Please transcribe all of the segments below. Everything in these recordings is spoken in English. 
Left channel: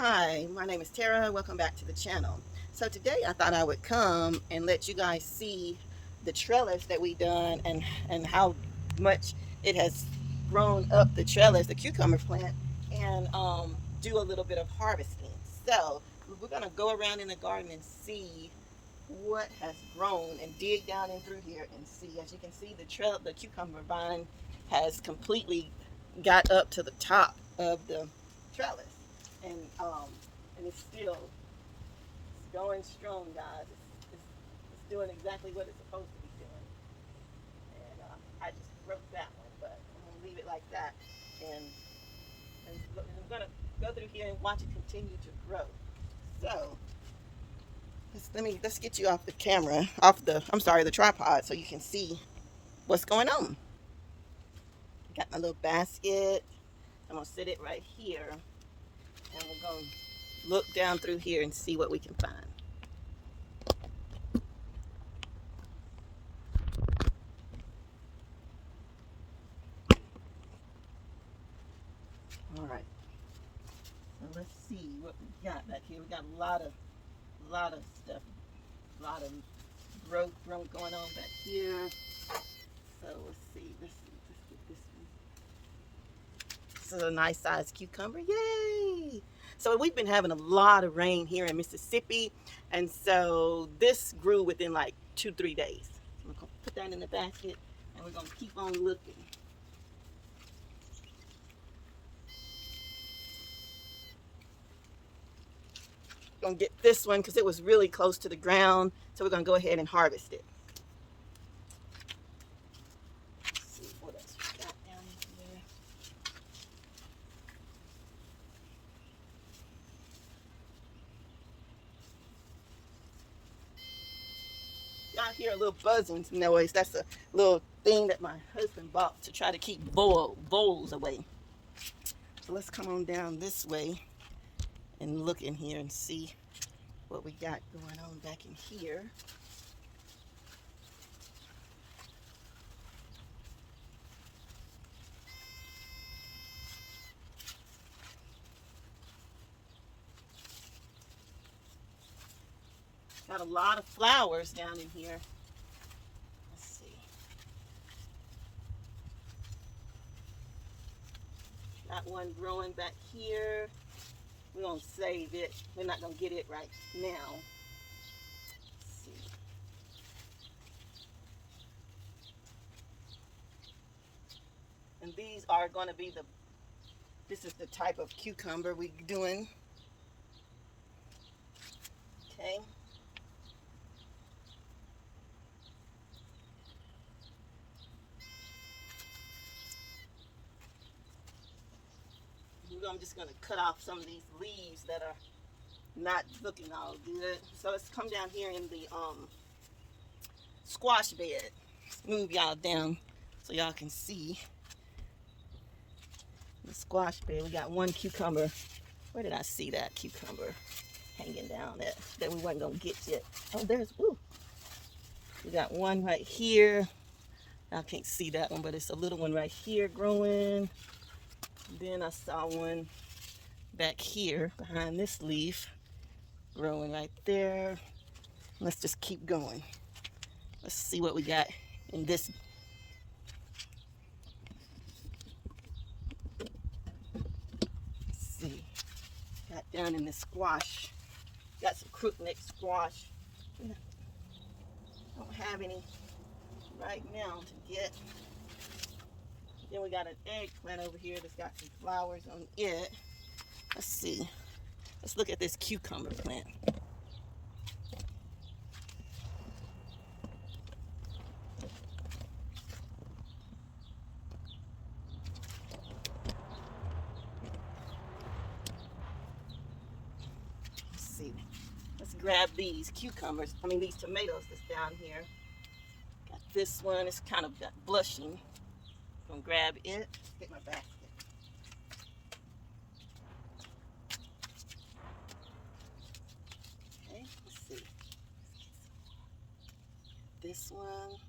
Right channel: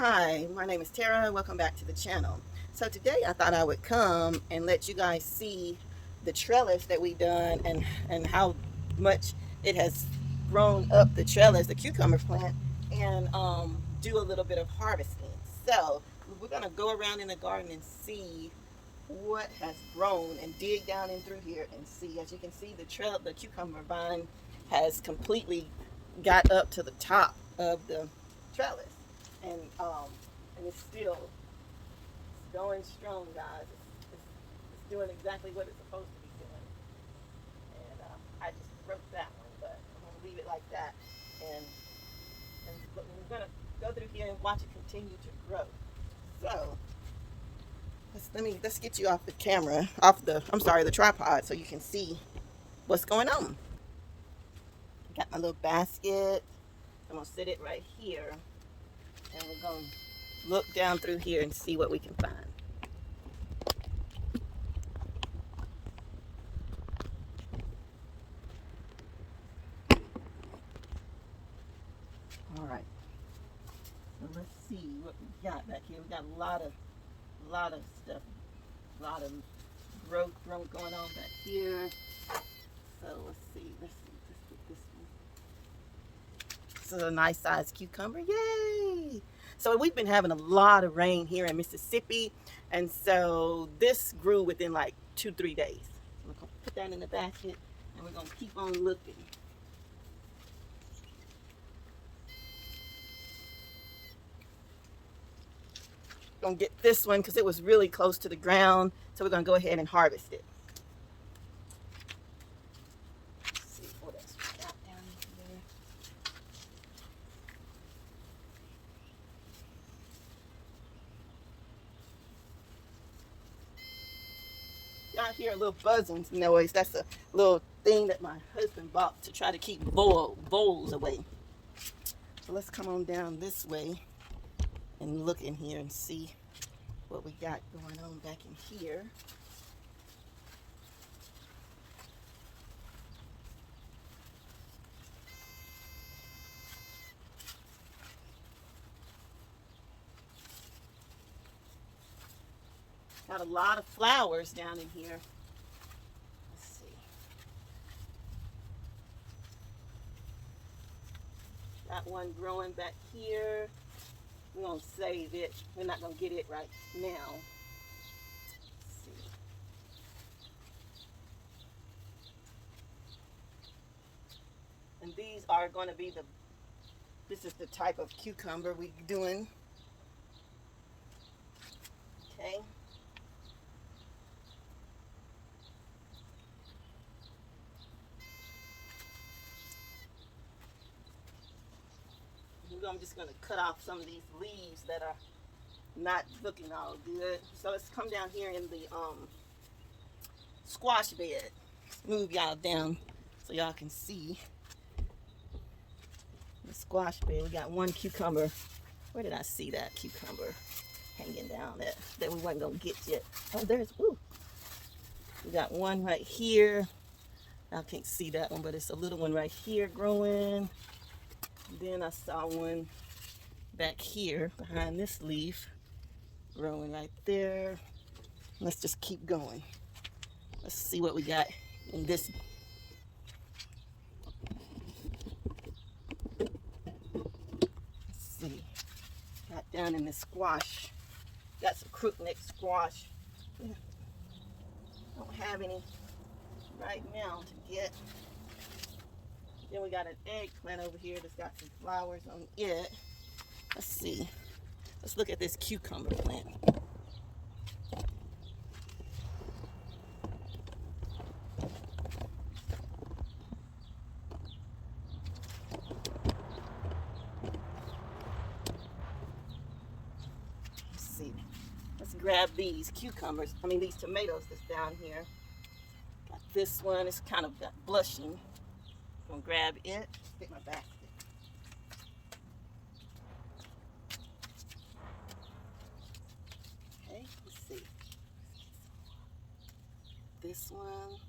Hi, my name is Tara. Welcome back to the channel. So today I thought I would come and let you guys see the trellis that we done and how much it has grown up the trellis, the cucumber plant, and do a little bit of harvesting. So we're gonna go around in the garden and see what has grown and dig down in through here and see. As you can see, the cucumber vine has completely got up to the top of the trellis, and it's still going strong, guys. It's doing exactly what it's supposed to be doing. And I just broke that one, but I'm gonna leave it like that, and I'm gonna go through here and watch it continue to grow. So let's get you off the camera, the tripod, so you can see what's going on. Got my little basket. I'm gonna sit it right here, and we're gonna look down through here and see what we can find. All right. So let's see what we got back here. We got a lot of stuff, a lot of growth going on back here. So let's see. Let's get this one. This is a nice sized cucumber. Yay! So we've been having a lot of rain here in Mississippi, and so this grew within like 2-3 days. So we're gonna put that in the basket, and we're gonna keep on looking. Gonna get this one because it was really close to the ground, so we're gonna go ahead and harvest it. Let's see what else we got down here. Y'all hear a little buzzing noise. That's a little thing that my husband bought to try to keep voles away. So let's come on down this way and look in here and see what we got going on back in here. Got a lot of flowers down in here. Let's see. Got one growing back here. We're gonna save it. We're not gonna get it right now. Let's see. And these are gonna be this is the type of cucumber we're doing. Okay. I'm just gonna cut off some of these leaves that are not looking all good. So let's come down here in the squash bed. Move y'all down so y'all can see the squash bed. We got one cucumber. Where did I see that cucumber hanging down that we wasn't gonna get yet? Oh, we got one right here. I can't see that one, but it's a little one right here growing. Then I saw one back here behind this leaf growing right there. Let's just keep going. Let's see what we got in this. Let's see. Got down in the squash. Got some crookneck squash. Yeah. Don't have any right now to get. Then we got an eggplant over here that's got some flowers on it. Let's see. Let's look at this cucumber plant. Let's see. Let's grab these these tomatoes that's down here. Got this one. It's kind of blushing. Gonna grab it. Get my basket. Okay, let's see. This one.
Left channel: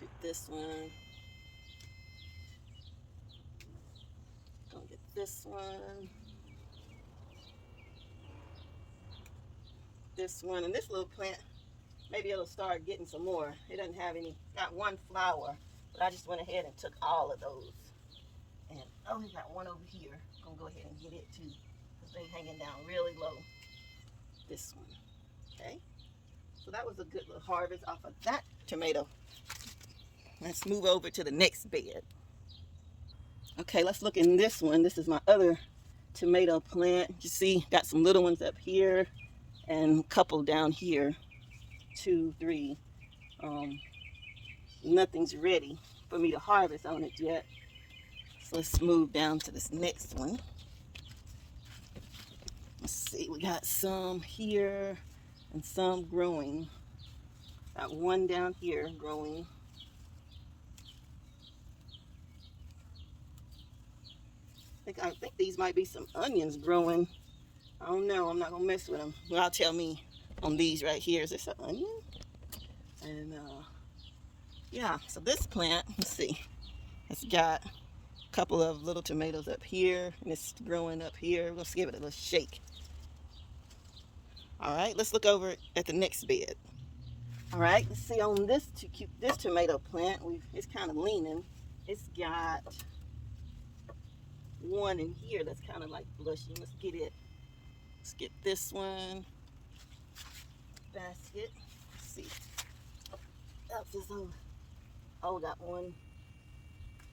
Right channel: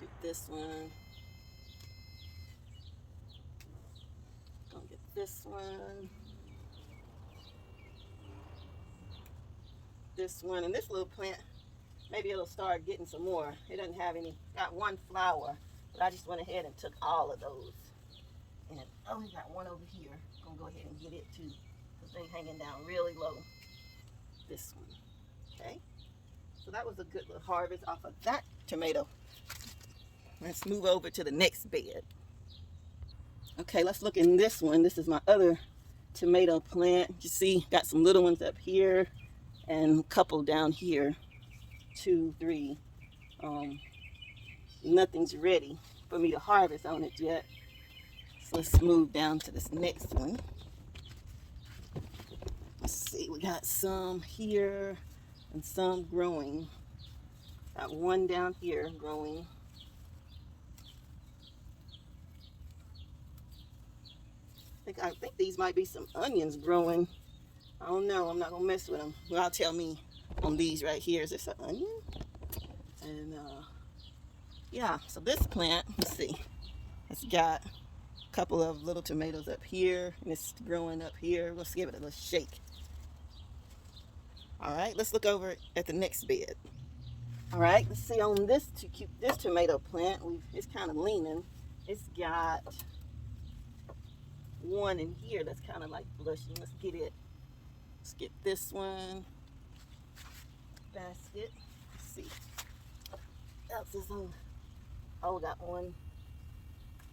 Do this one. Gonna get this one, this one, and this little plant, maybe it'll start getting some more. It doesn't have any, got one flower, but I just went ahead and took all of those. And oh, we got one over here. I'm gonna go ahead and get it too, because they're hanging down really low. This one, okay? So that was a good little harvest off of that tomato. Let's move over to the next bed. Okay, let's look in this one. This is my other tomato plant. You see, got some little ones up here and a couple down here. 2, 3. Nothing's ready for me to harvest on it yet. So let's move down to this next one. Let's see, we got some here and some growing. Got one down here growing. I think these might be some onions growing. I don't know. I'm not gonna mess with them. Well, tell me on these right here. Is this an onion? And yeah. So this plant, let's see. It's got a couple of little tomatoes up here, and it's growing up here. Let's give it a little shake. All right. Let's look over at the next bed. All right. Let's see on this tomato plant. It's kind of leaning. It's got one in here that's kind of like blushing. Let's get it. Let's get this one. Basket. Let's see. Else is on. Oh, got one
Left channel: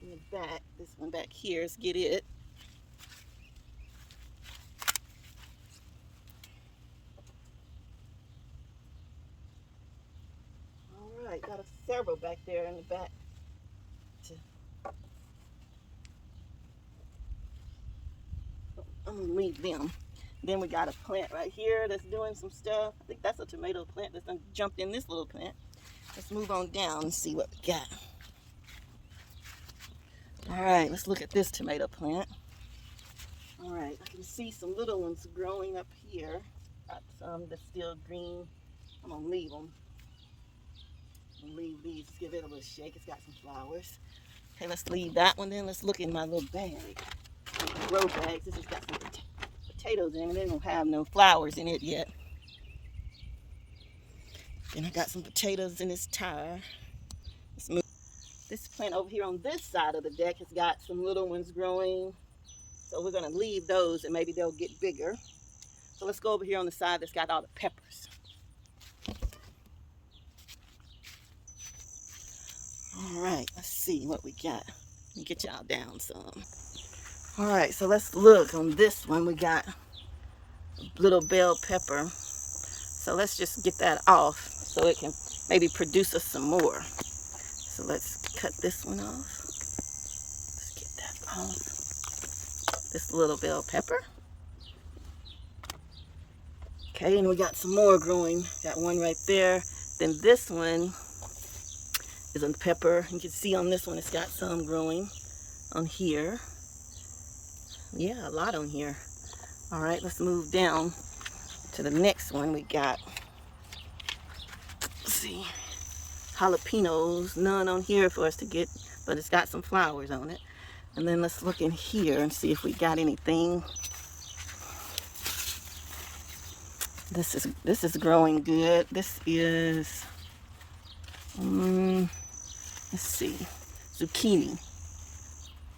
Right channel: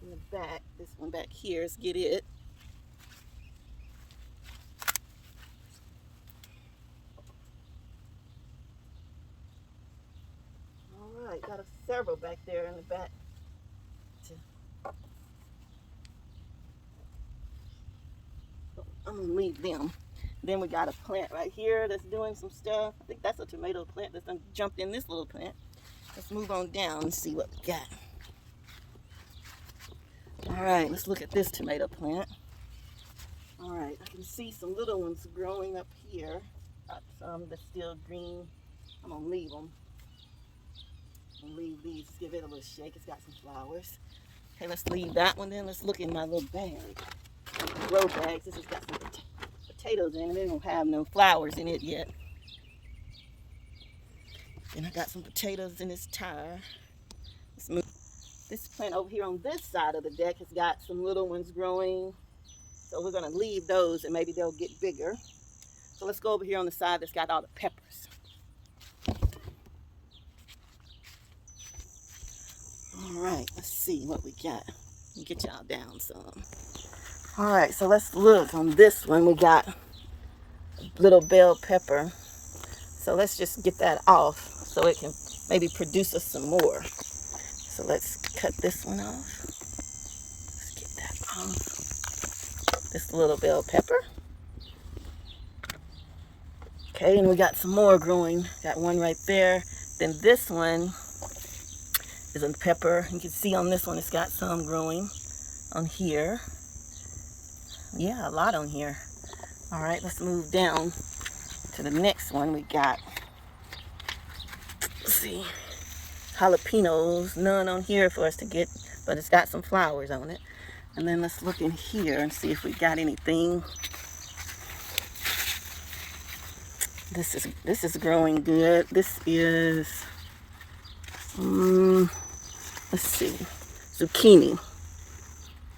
in the back. This one back here. Let's get it. All right, got several back there in the back. I'm gonna leave them. Then we got a plant right here that's doing some stuff. I think that's a tomato plant that's jumped in this little plant. Let's move on down and see what we got. All right, let's look at this tomato plant. All right, I can see some little ones growing up here. Got some that's still green. I'm gonna leave them. I'm gonna leave these, give it a little shake. It's got some flowers. Okay, let's leave that one then. Let's look in my little bag. Grow bags. This has got some potatoes in it. They don't have no flowers in it yet. Then I got some potatoes in this tire. Let's move. This plant over here on this side of the deck has got some little ones growing. So we're gonna leave those and maybe they'll get bigger. So let's go over here on the side that's got all the peppers. All right, let's see what we got. Let me get y'all down some. All right, so let's look on this one. We got a little bell pepper. So let's just get that off so it can maybe produce us some more. So let's cut this one off. Let's get that off. This little bell pepper. Okay, and we got some more growing. Got one right there. Then this one is a pepper. You can see on this one it's got some growing on here. Yeah, a lot on here. All right, let's move down to the next one. We got, let's see, jalapenos. None on here for us to get, but it's got some flowers on it. And then let's look in here and see if we got anything. This is growing good. This is, let's see, zucchini.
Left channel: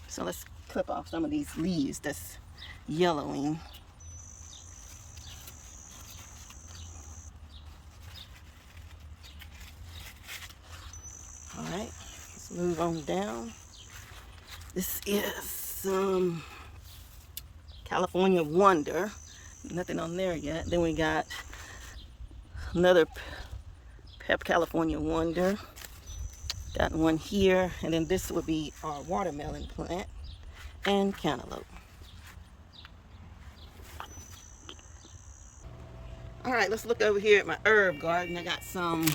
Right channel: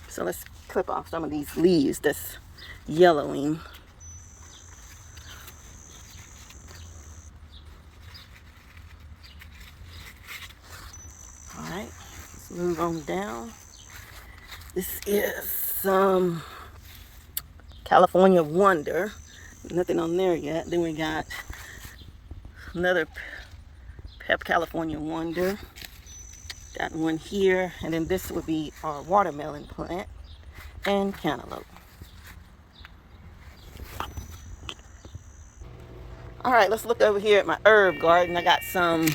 So let's clip off some of these leaves that's yellowing. All right, let's move on down. This is some California Wonder. Nothing on there yet. Then we got another California Wonder. Got one here, and then this would be our watermelon plant and cantaloupe. All right, let's look over here at my herb garden. I got some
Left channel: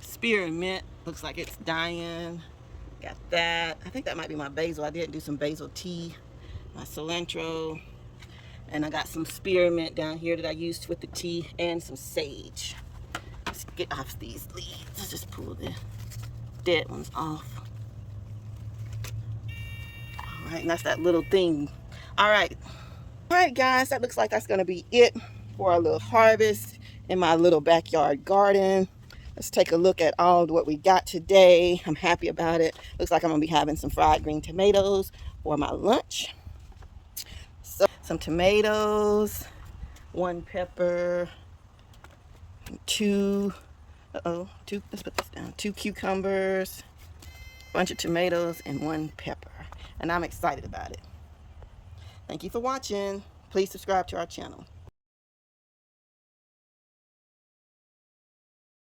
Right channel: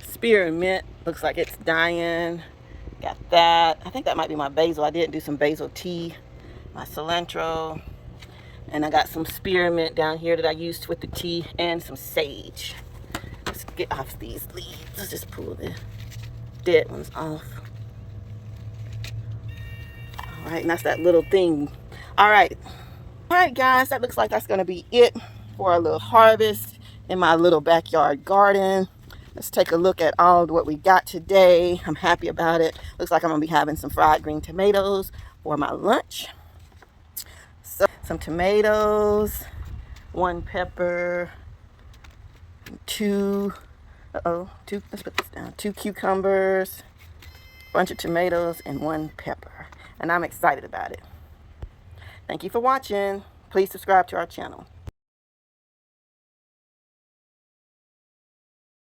spearmint. Looks like it's dying. Got that. I think that might be my basil. I did do some basil tea. My cilantro. And I got some spearmint down here that I used with the tea and some sage. Let's get off these leaves. Let's just pull the dead ones off. All right, and that's that little thing. All right. All right, guys, that looks like that's going to be it for a little harvest in my little backyard garden. Let's take a look at all of what we got today. I'm happy about it. Looks like I'm going to be having some fried green tomatoes for my lunch. So, some tomatoes, 1 pepper, 2, let's put this down, 2 cucumbers, a bunch of tomatoes, and 1 pepper. And I'm excited about it. Thank you for watching. Please subscribe to our channel.